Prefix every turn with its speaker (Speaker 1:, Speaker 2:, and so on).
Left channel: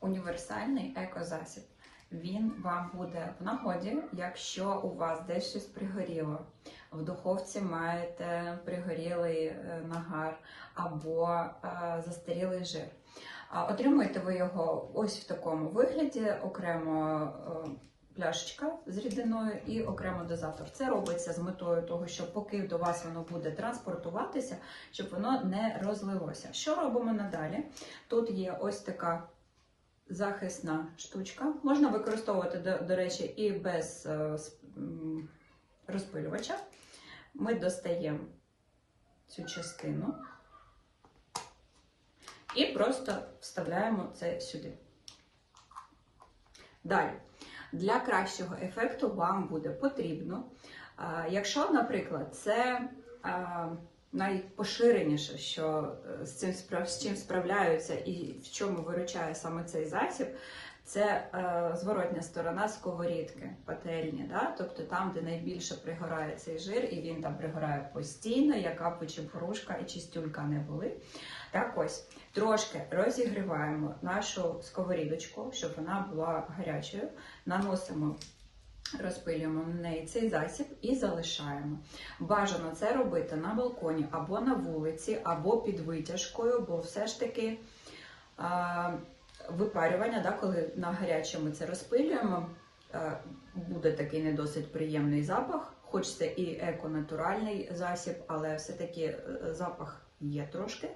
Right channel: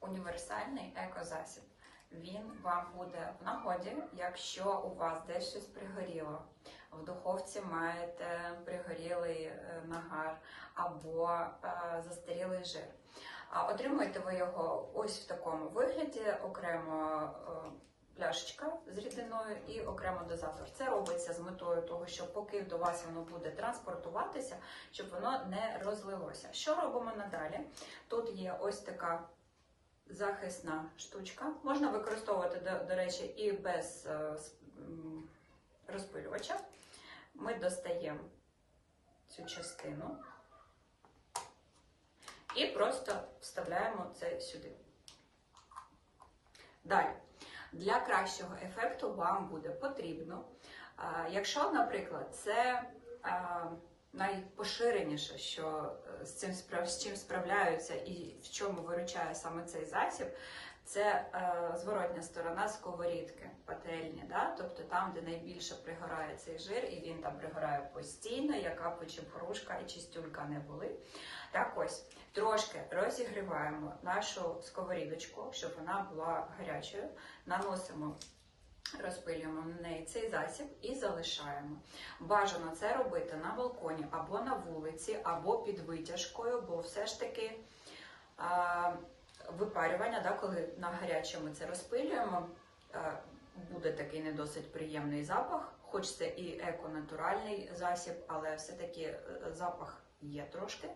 Speaker 1: універсальний екозасіб. Він вам буде в нагоді, якщо у вас десь щось пригоріло. В духовці маєте пригорілий е, нагар або е, застарілий жир. Отримуєте ви його ось в такому вигляді, окремо е, пляшечка з рідиною і окремо дозатор. Це робиться з метою того, що поки до вас воно буде транспортуватися, щоб воно не розлилося. Що робимо надалі? Тут є ось така захисна штучка. Можна використовувати, до, до речі, і без е, розпилювача. Ми достаємо цю частину і просто вставляємо це сюди. Далі, для кращого ефекту вам буде потрібно, а, якщо, наприклад, це а, найпоширеніше, що е, з цим з чим справляються і в чому виручає саме цей засіб, це е, зворотня сторона сковорідки, пательні, да? тобто там, де найбільше пригорає цей жир, і він там пригорає постійно, яка грушка і чистюлька не були. Так ось трошки розігріваємо нашу сковорідочку, щоб вона була гарячою. Наносимо, розпилюємо на неї цей засіб і залишаємо. Бажано це робити на балконі або на вулиці, або під витяжкою, бо все ж таки а, випарювання, да, коли на гарячому це розпилюємо, а, буде такий не досить приємний запах. Хоч це і еко-натуральний засіб, але все-таки е, запах є трошки.